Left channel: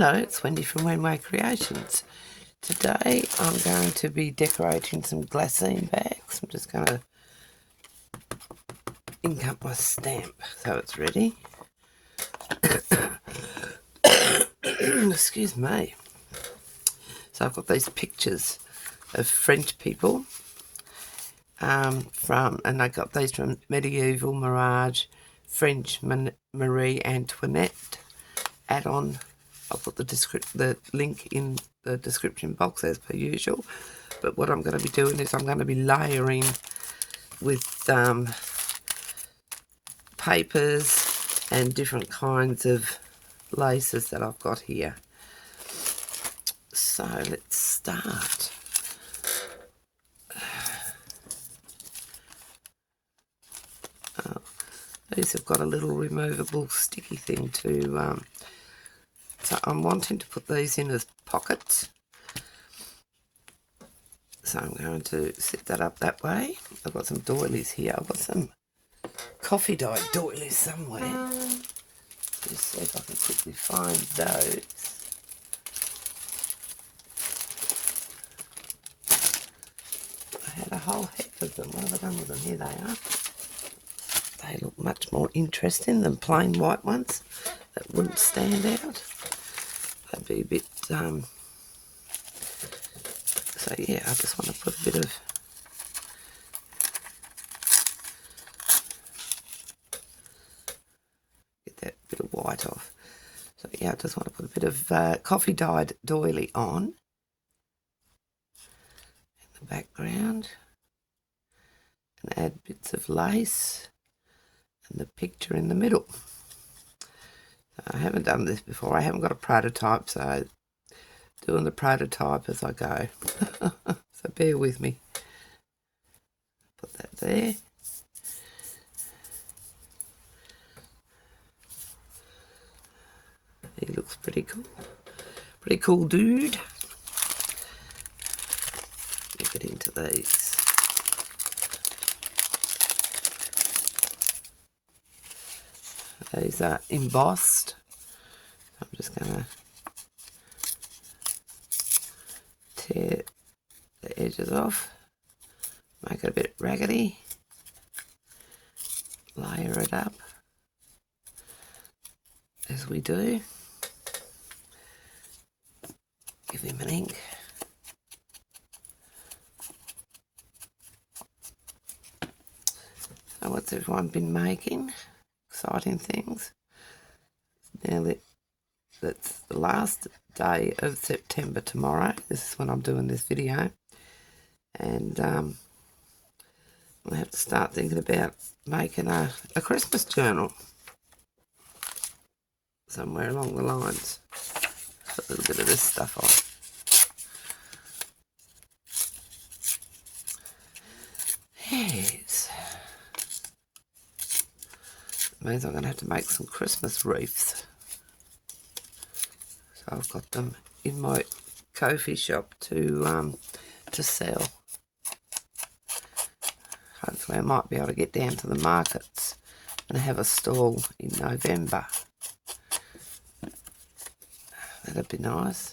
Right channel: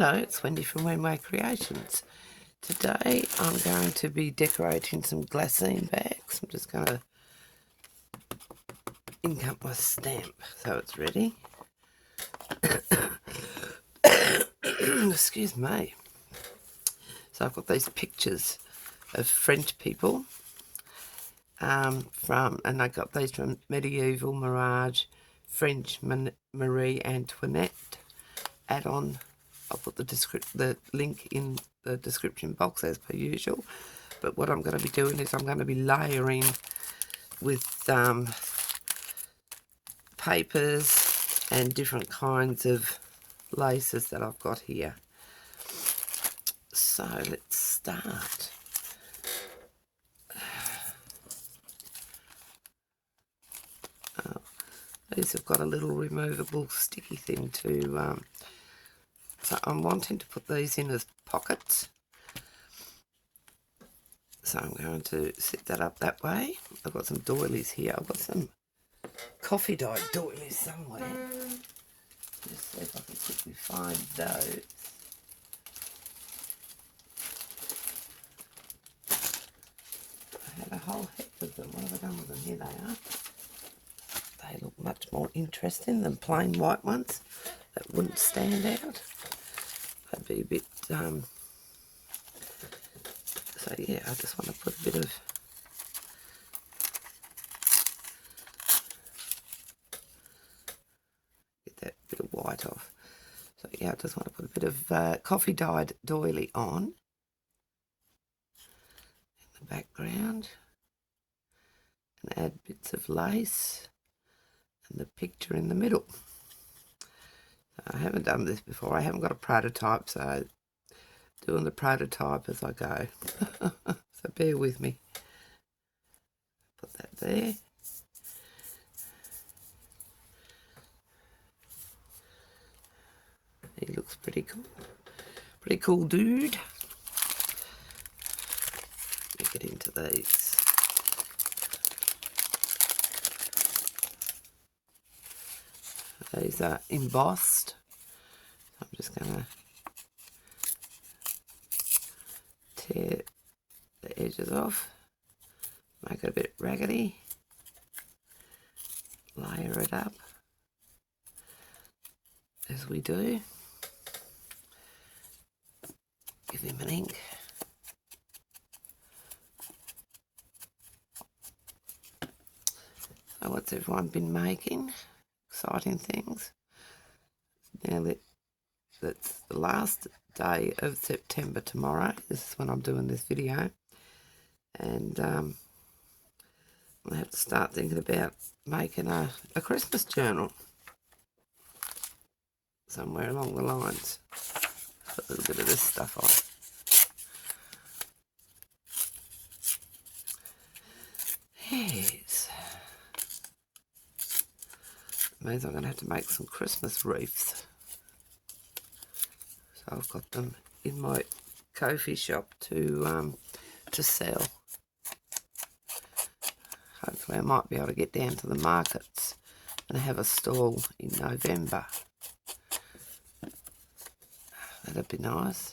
Hello, it's Wendy from Wenway Creations. Today I'm going to be decorating some glassine bags. I'm just going to ink up my stamp so it's ready. Excuse me. So I've got these pictures of French people and I got these from Medieval Mirage, French Marie Antoinette add-on. I'll put the link in the description box as per usual. But what I'm going to be doing is I'm going to be layering with papers and different kinds of laces that I've got here. So let's start. These have got a little removable sticky thing to so I'm wanting to put these in as pockets. So I'm going to set that up that way. I've got some doilies here. I've got some coffee dyed doilies somewhere. Just see if I can quickly find those. I had a whole heap of them. What have I done with them? Here they are. They look much more interesting than plain white ones that wouldn't stand out. They'd be a bit, so yeah, I just want to put a bit of get that bit of white off. So yeah, I just want to put a bit of coffee dyed doily on in the background and add bits of lace and the picture in the middle. I haven't done this before. I haven't got a prototype, so doing the prototype as I go. So bear with me. Put that there. He looks pretty cool. Pretty cool dude. Let me get into these. These are embossed. I'm just going to tear the edges off, make it a bit raggedy, layer it up as we do. Give him an ink. So what's everyone been making? Exciting things. That's the last day of September tomorrow. This is when I'm doing this video. And I have to start thinking about making a Christmas journal somewhere along the lines. Put a little bit of this stuff on. Yes. Means I'm going to have to make some Christmas wreaths. So I've got them in my coffee shop to sell. Hopefully I might be able to get down to the markets and have a stall in November. That'd be nice.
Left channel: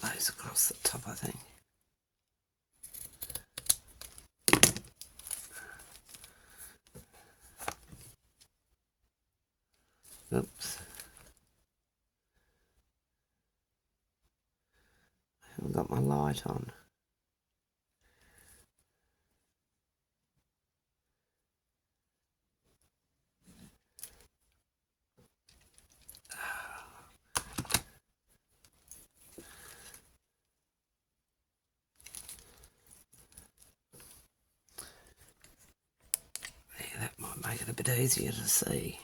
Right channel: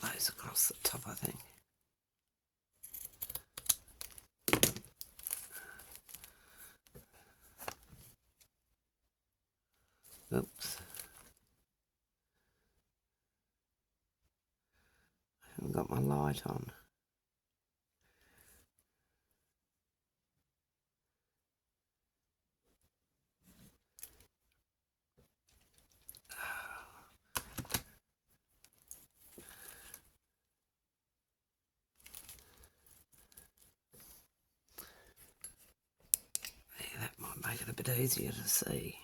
Those across the top, I think. Oops. I haven't got my light on. Yeah, that might make it a bit easier to see.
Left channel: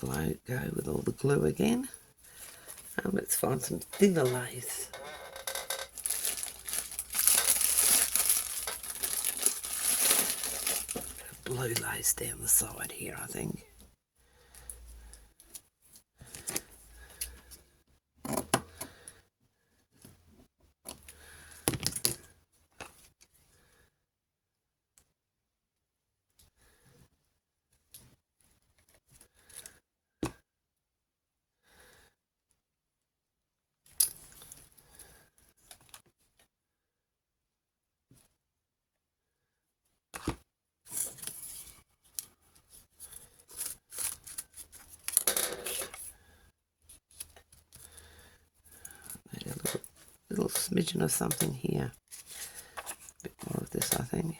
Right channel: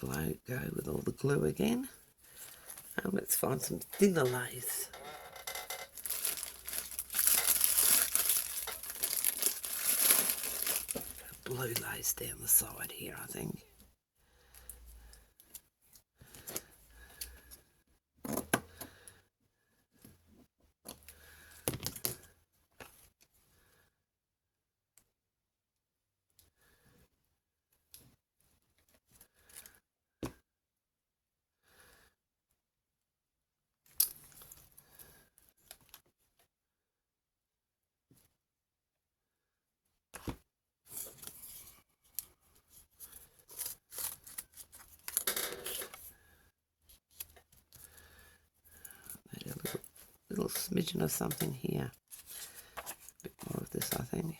go with all the glue again. Let's find some thinner lace. Blue lace down the side here, I think. Little smidgen of something here. A bit more of this, I think.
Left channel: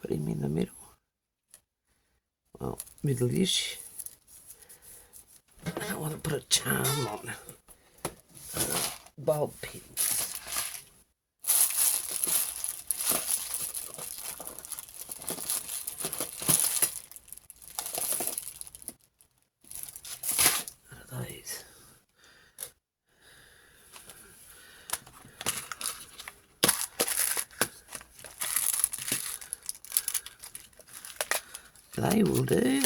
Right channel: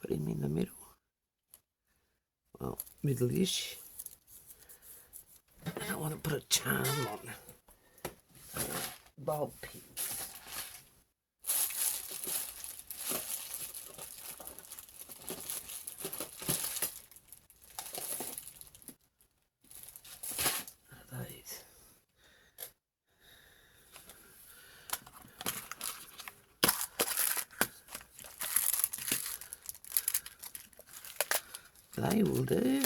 Put him in the middle. Well, middle-ish. I don't want to put a charm on. Bulb pins. What are these? They will do.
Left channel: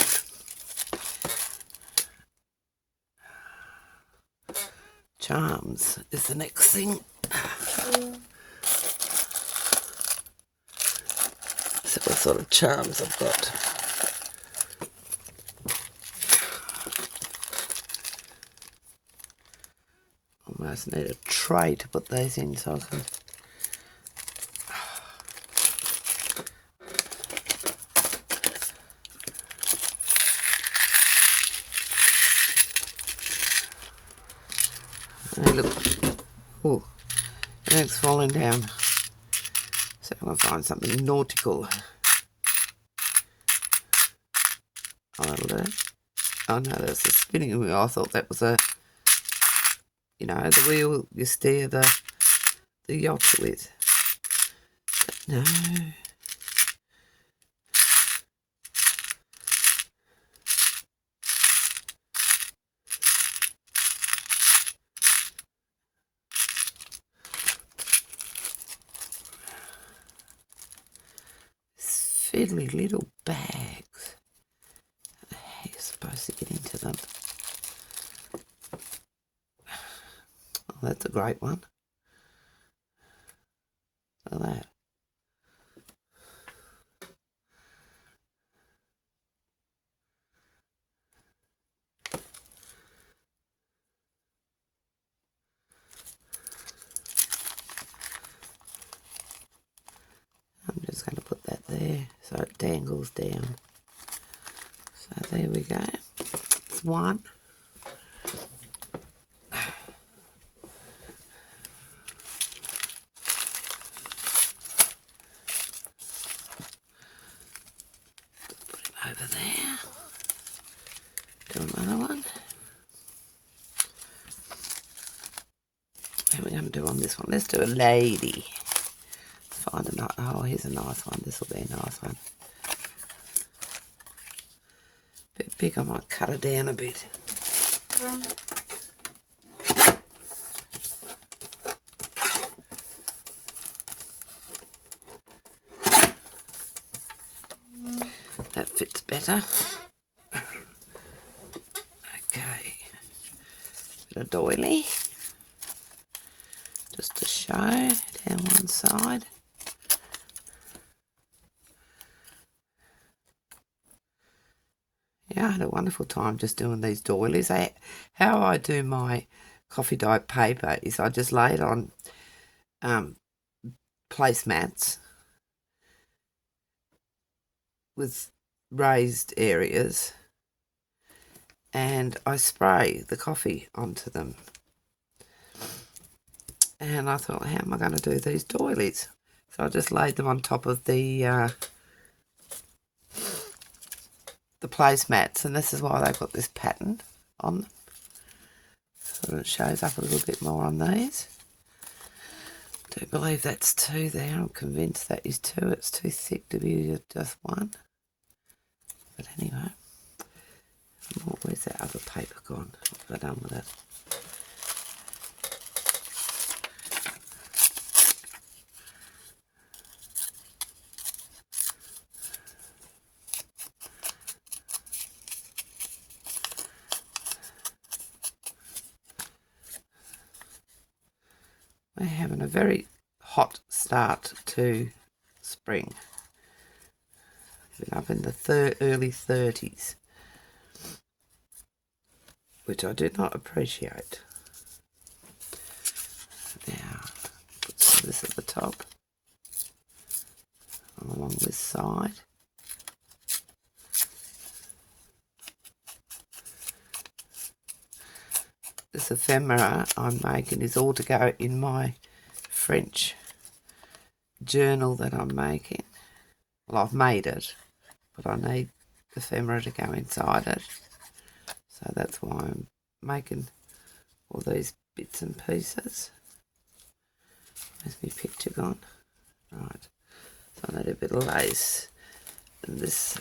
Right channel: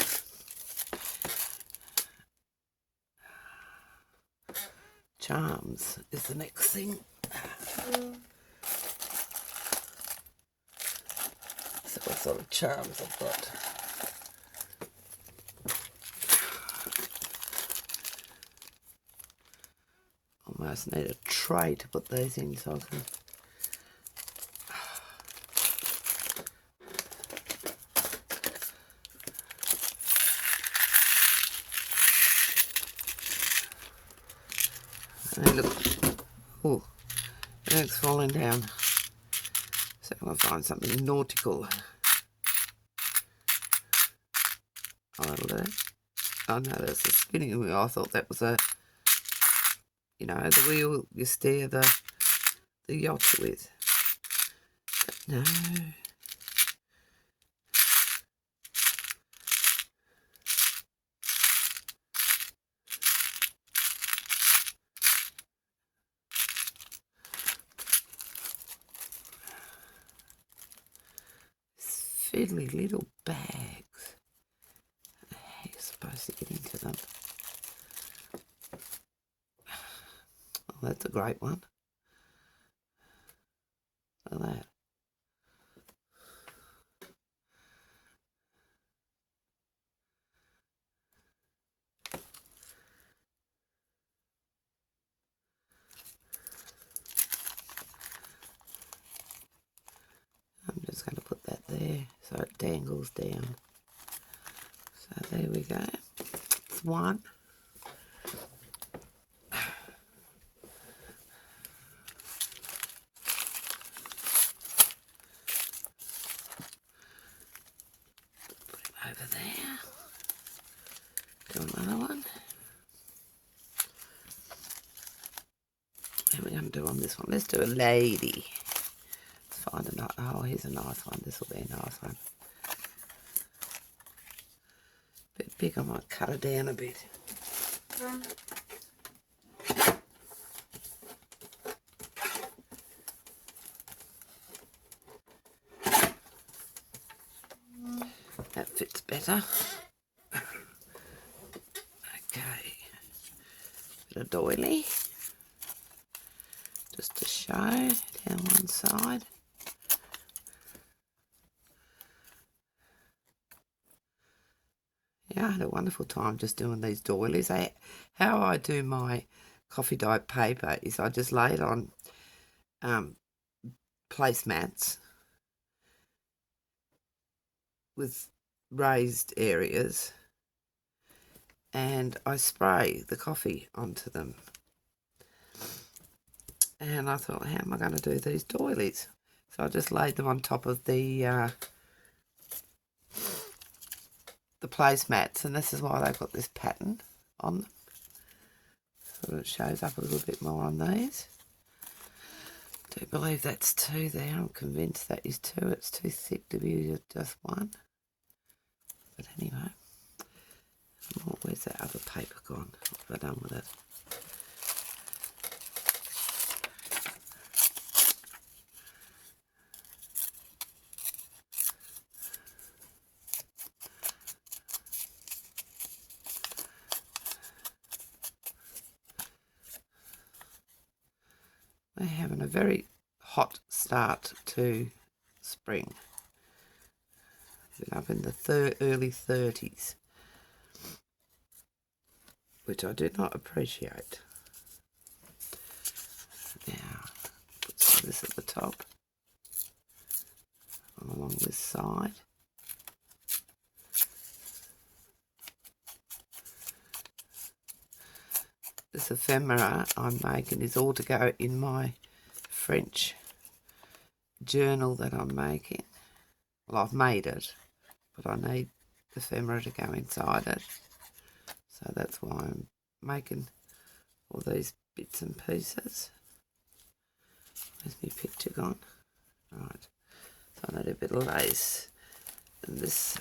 Charms is the next thing. So what sort of charms I've got. Almost need a tray to put those in so I can. Look. Oh, it's falling down. So I'm going to find something nautical. Oh, that'll do. Oh no, that's a spinning wheel. I thought that was a, you know, the wheel you steer the yacht with. But no. Fiddly little bags. How are you supposed to get into them? Oh, that's a great one. Look at that. I'm just going to put that there so it dangles down. So there we go. It's one. Put it over there. Do another one. What are we going to do on this one? Let's do a lady. Find a nice, oh, here's a nice one. This will be a nice one. Bit big, I might cut it down a bit. That fits better. Okay. Bit of doily. Just to show down one side. had a wonderful time just doing these doilies. How I do my coffee dyed paper is I just lay it on placemats with raised areas, and I spray the coffee onto them. And I thought, how am I going to do these doilies? So I just laid them on top of the placemats, and this is why they've got this pattern on them. So it shows up a little bit more on these. I do believe that's 2 there. I'm convinced that is 2. It's too thick to be just 1. But anyway, where's that other paper gone? What have I done with it? We're having a very hot start to spring. Been up in the early 30s, which I do not appreciate. Now, put some of this at the top, along this side. This ephemera I'm making is all to go in my French journal that I'm making. Well, I've made it, but I need the ephemera to go inside it. So that's why I'm making all these bits and pieces. Where's my picture gone? Right, so I need a bit of lace. And this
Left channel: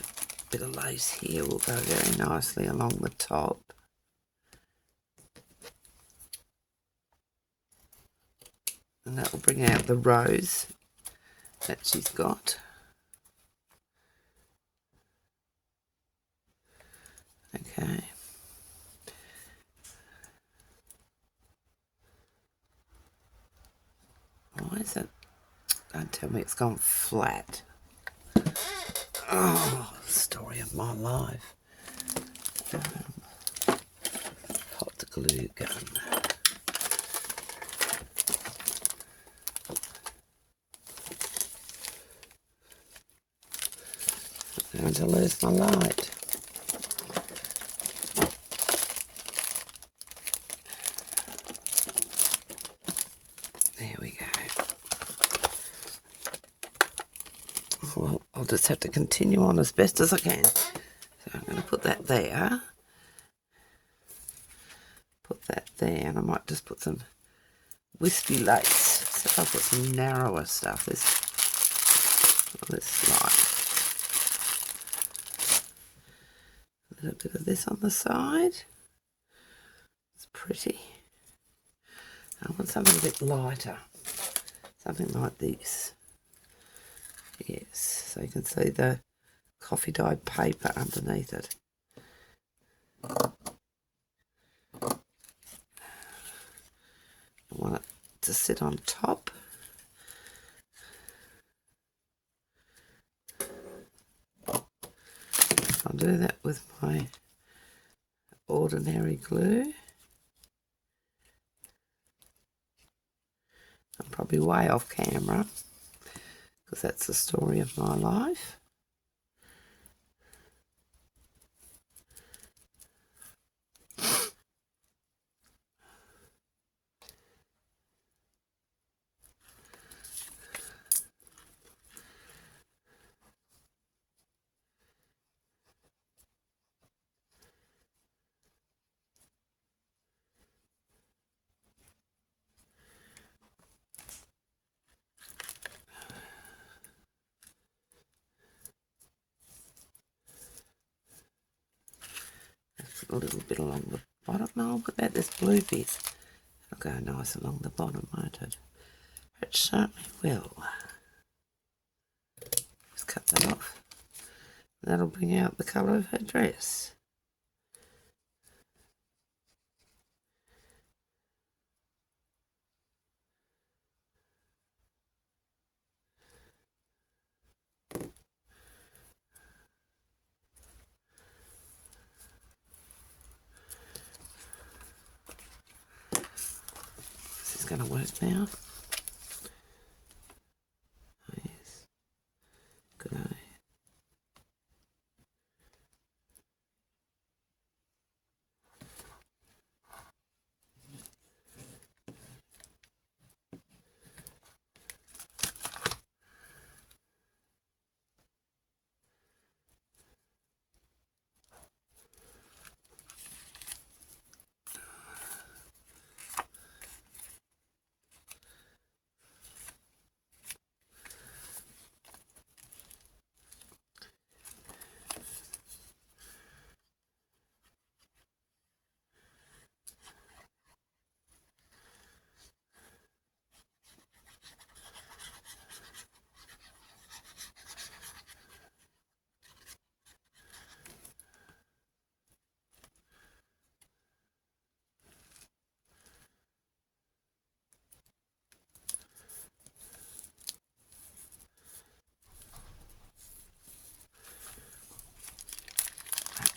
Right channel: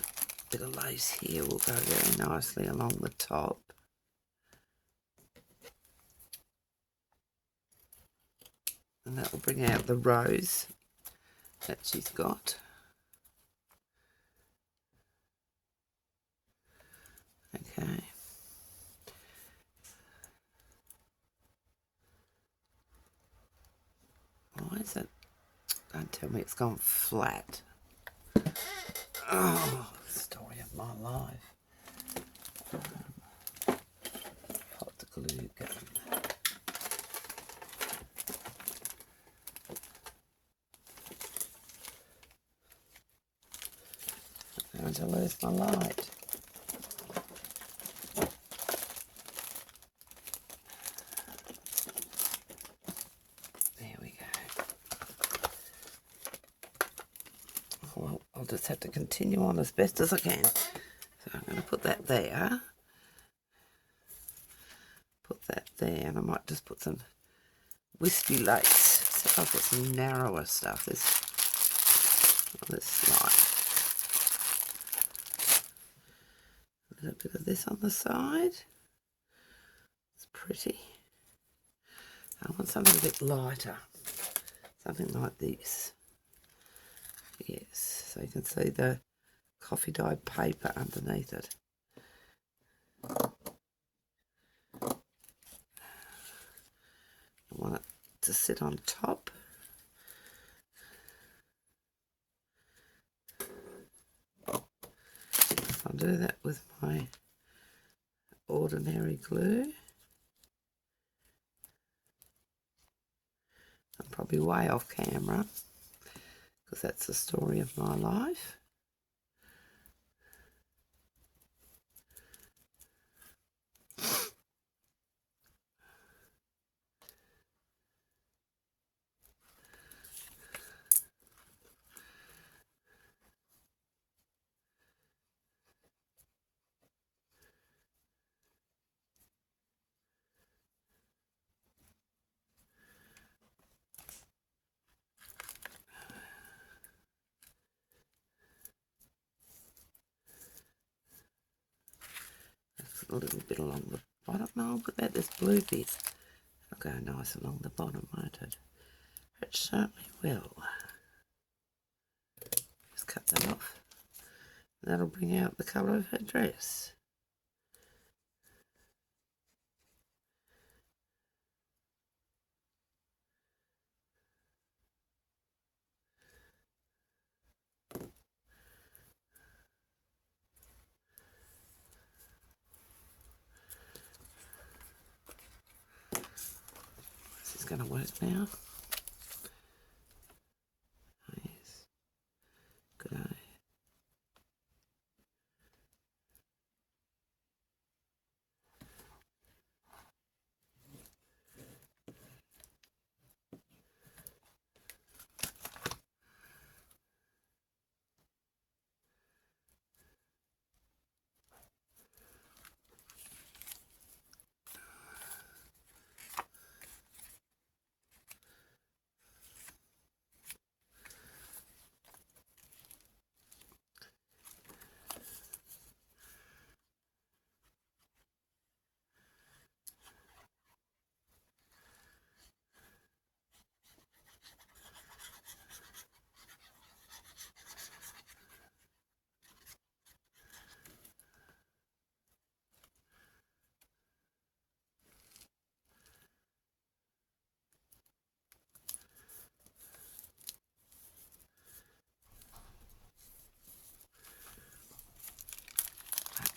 bit of lace here will go very nicely along the top. And that will bring out the rose that she's got. Okay. Why is it? Don't tell me it's gone flat. Oh, story of my life. Hot glue gun. I'm going to lose my light. There we go. Well, I'll just have to continue on as best as I can. So I'm going to put that there. Put that there, and I might just put some wispy lace. So I've got some narrower stuff. This light. A little bit of this on the side. It's pretty. I want something a bit lighter. Something like this. Yes, so you can see the coffee dyed paper underneath it. I want it to sit on top. I'll do that with my ordinary glue. I'm probably way off camera because that's the story of my life. A little bit along the bottom. No, I'll put that this blue bit. It'll go nice along the bottom, won't it? It certainly will. Just cut that off. That'll bring out the colour of her dress. it's going to work now. Yes. Good.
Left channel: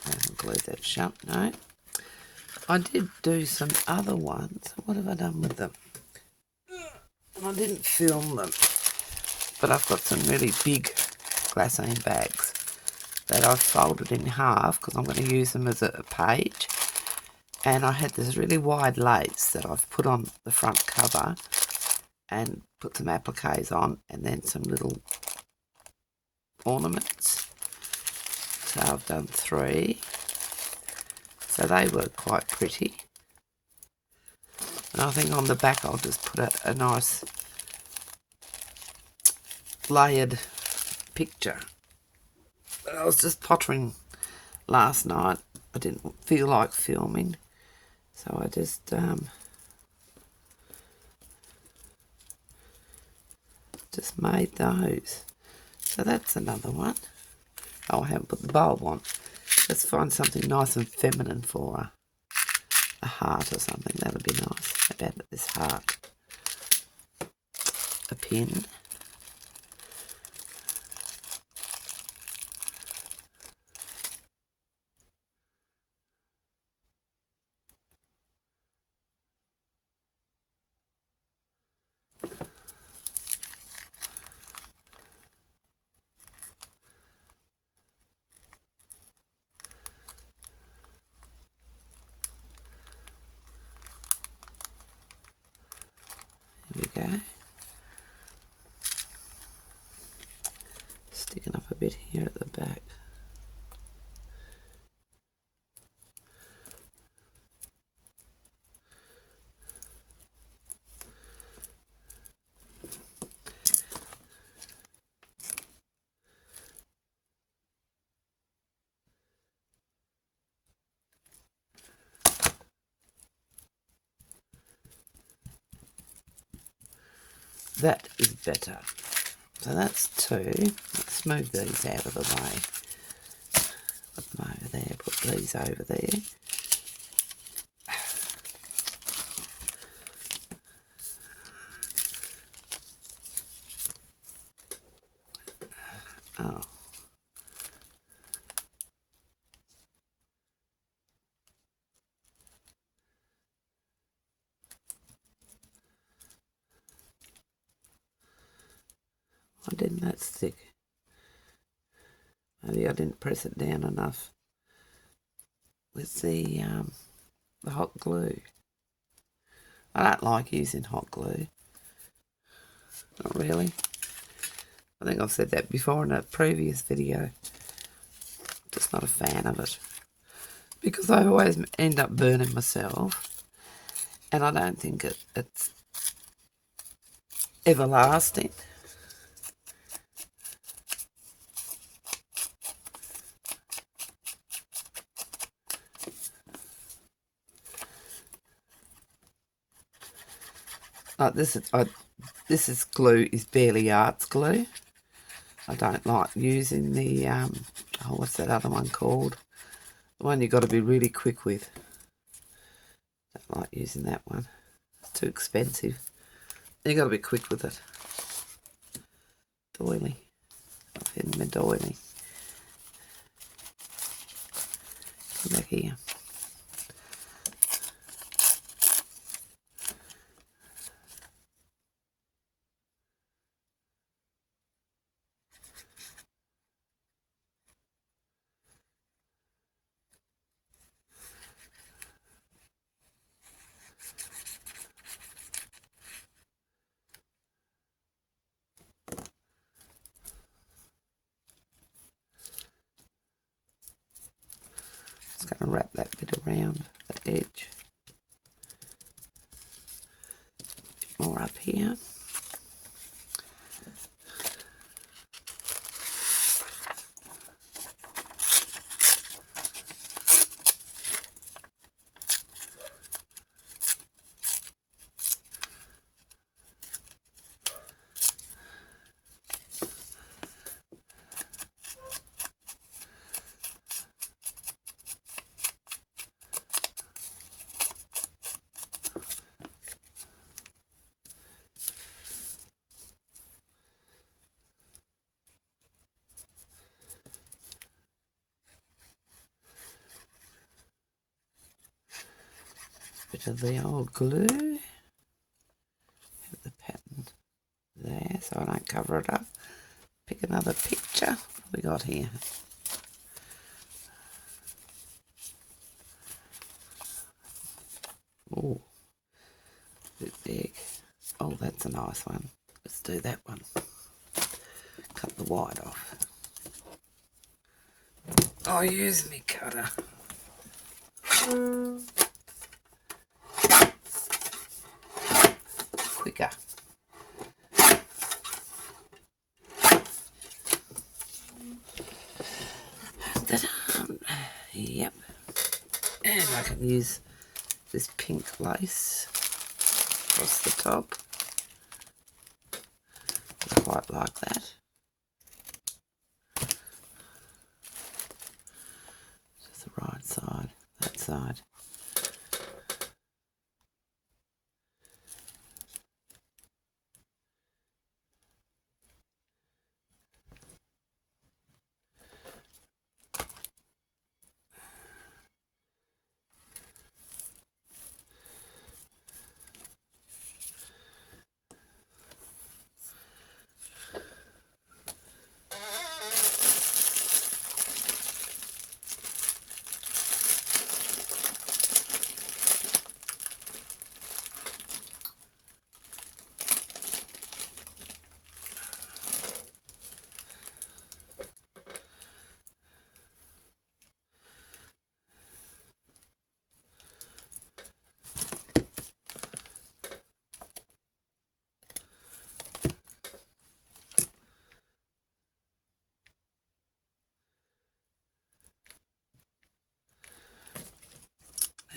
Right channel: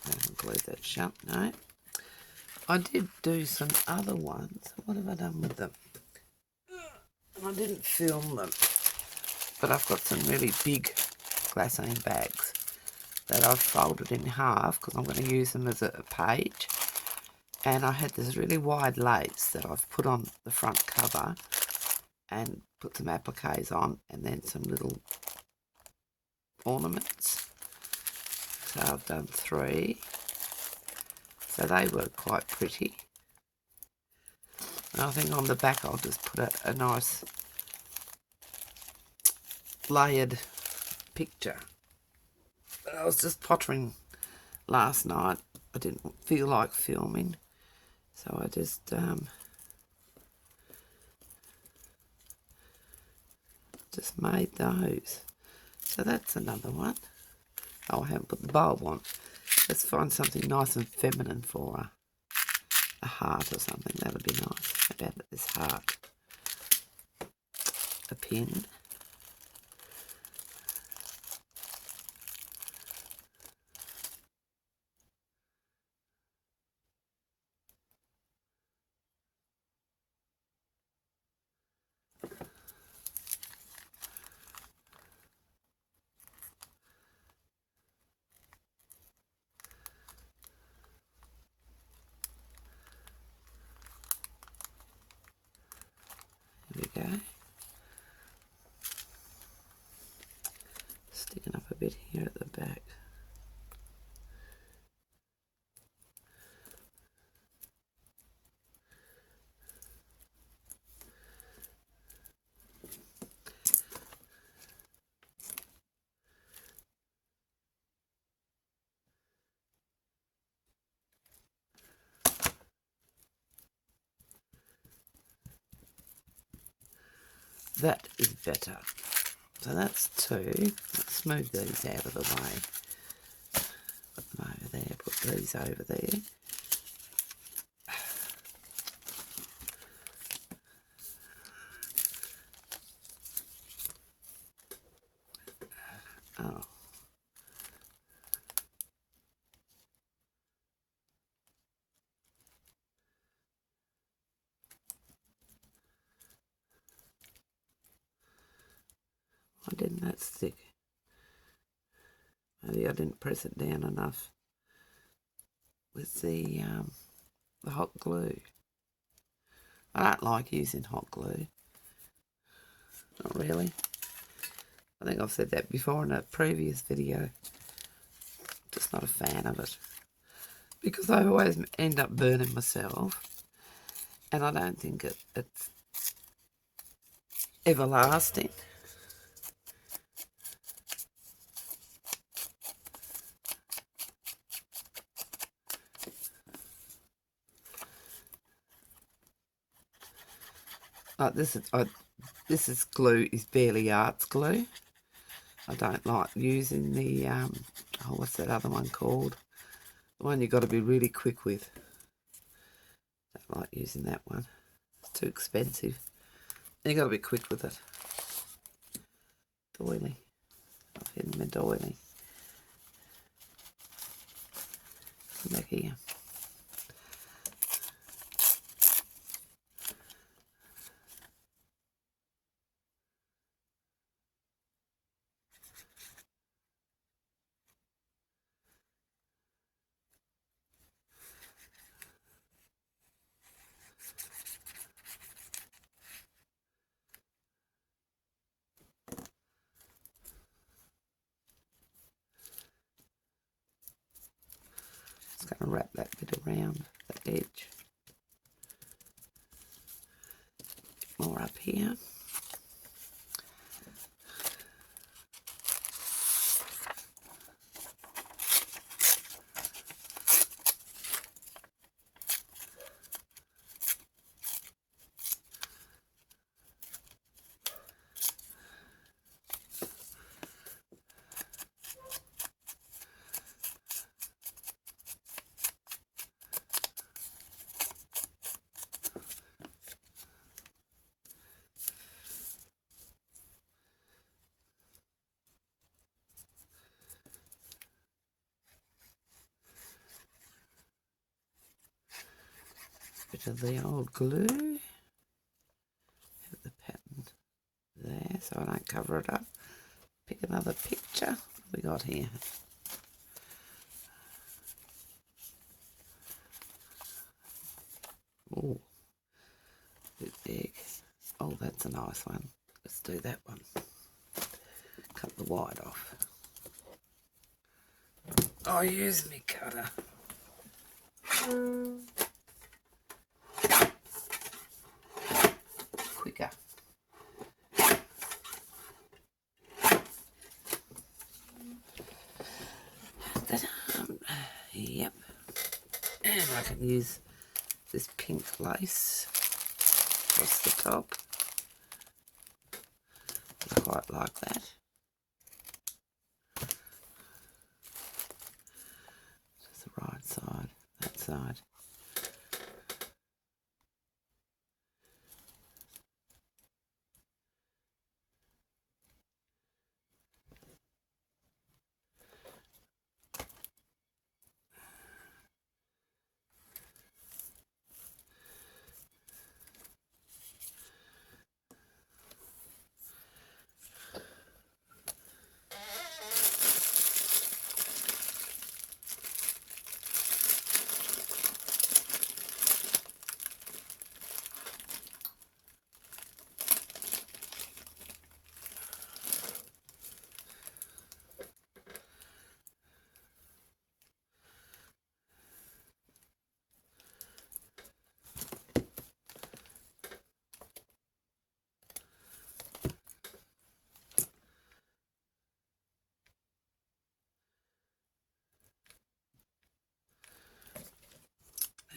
I haven't glued that shut, no. I did do some other ones. What have I done with them? I didn't film them, but I've got some really big glassine bags that I've folded in half because I'm going to use them as a page. And I had this really wide lace that I've put on the front cover and put some appliques on, and then some little ornaments. So I've done 3. So they were quite pretty. And I think on the back I'll just put a nice layered picture. I was just pottering last night. I didn't feel like filming, so I just made those. So that's another one. Oh, I haven't put the bulb on. Let's find something nice and feminine for a heart or something. That would be nice. About this heart. A pin. There we go. Sticking up a bit here at the back. That is better. So that's 2. Let's move these out of the way. Put them over there, put these over there. Oh. Why didn't that stick? Maybe I didn't press it down enough with the hot glue. I don't like using hot glue. Not really. I think I've said that before in a previous video. Just not a fan of it. Because I always end up burning myself. And I don't think it's everlasting. This is glue is Barely Arts glue. I don't like using the what's that other one called? The one you got to be really quick with. Don't like using that one. It's too expensive. You got to be quick with it. Doily. I've hidden my doily. Come back here. more up here. Bit of the old glue. Have the pattern there so I don't cover it up. Pick another picture. What have we got here? Oh, bit big. Oh, that's a nice one. Let's do that one. Cut the white off. I'll use my cutter. Quicker. Yep. And I can use this pink lace across the top. I quite like that. Just the right side, that side.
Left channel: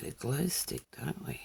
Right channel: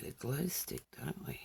A glow stick, don't we?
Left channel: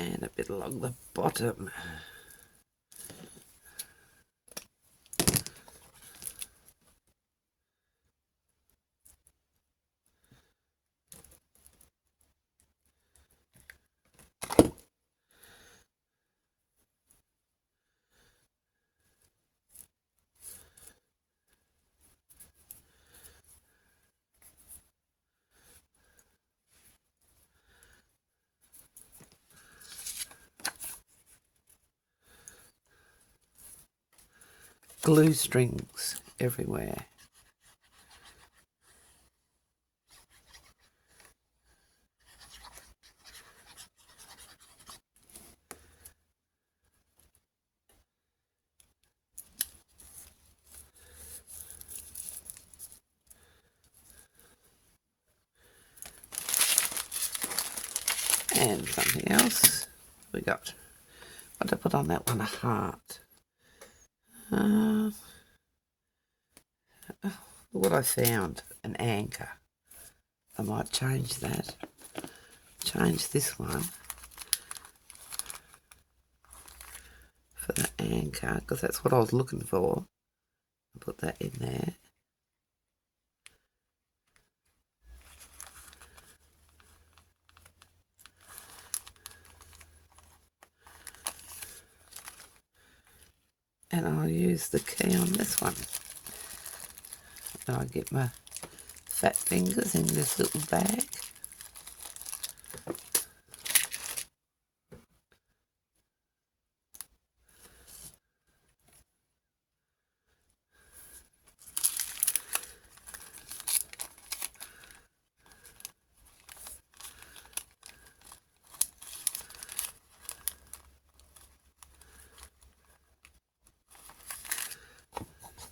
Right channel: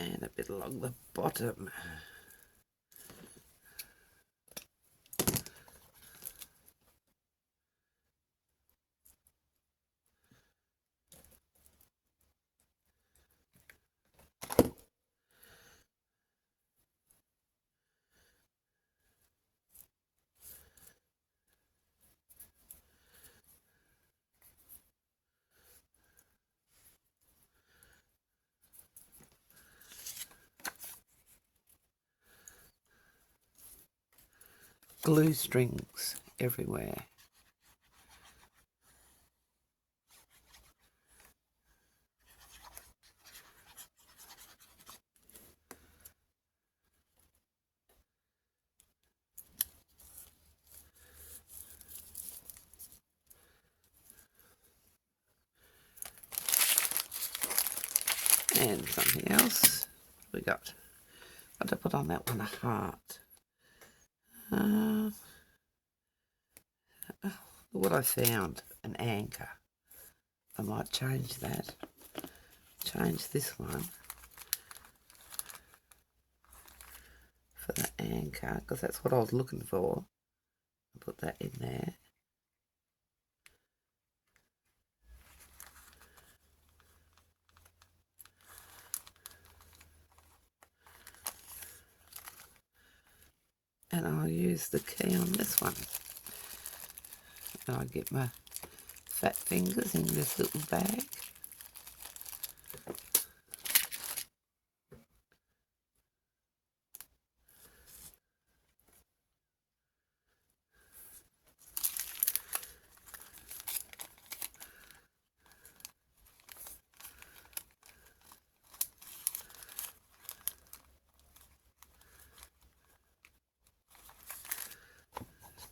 And a bit along the bottom. Glue strings everywhere. And something else. We got, what did I put on that one? A heart. What I found, an anchor. I might change that. Change this one for the anchor, because that's what I was looking for. I'll put that in there. use the key on this one. And I get my fat fingers in this little bag.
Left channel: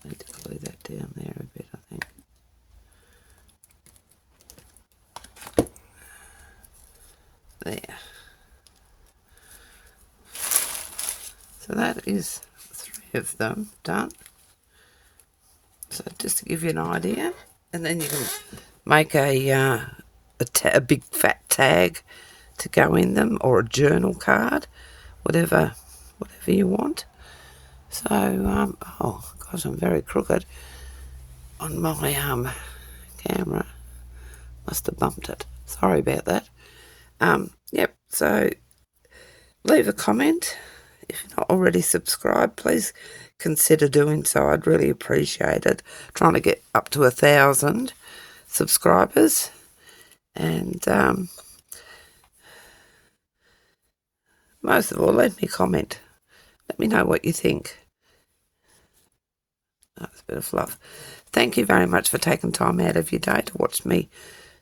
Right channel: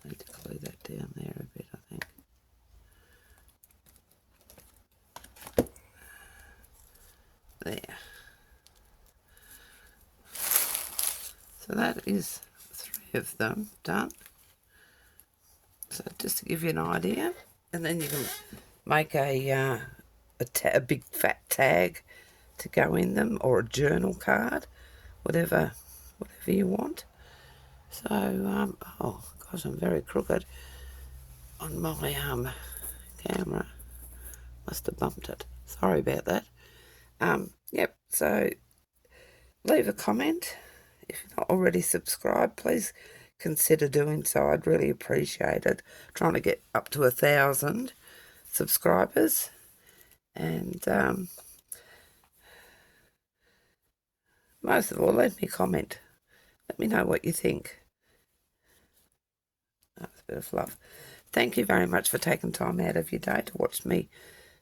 Need to glue that down there a bit, I think. There. So that is 3 of them done. So just to give you an idea, and then you can make a big fat tag to go in them, or a journal card, whatever you want. So oh gosh, I'm very crooked on my camera. Must have bumped it. Sorry about that. Yep. So leave a comment. If you're not already subscribed, please consider doing so. I'd really appreciate it. Trying to get up to 1,000 subscribers, and most of all, leave me a comment. Let me know what you think. That's a bit of fluff. Thank you very much for taking time out of your day to watch me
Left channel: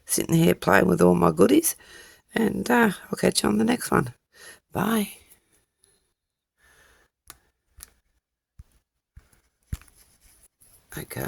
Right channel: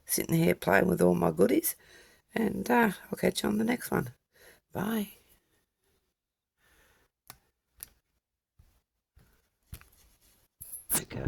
sitting here playing with all my goodies, and I'll catch you on the next one. Bye. Okay.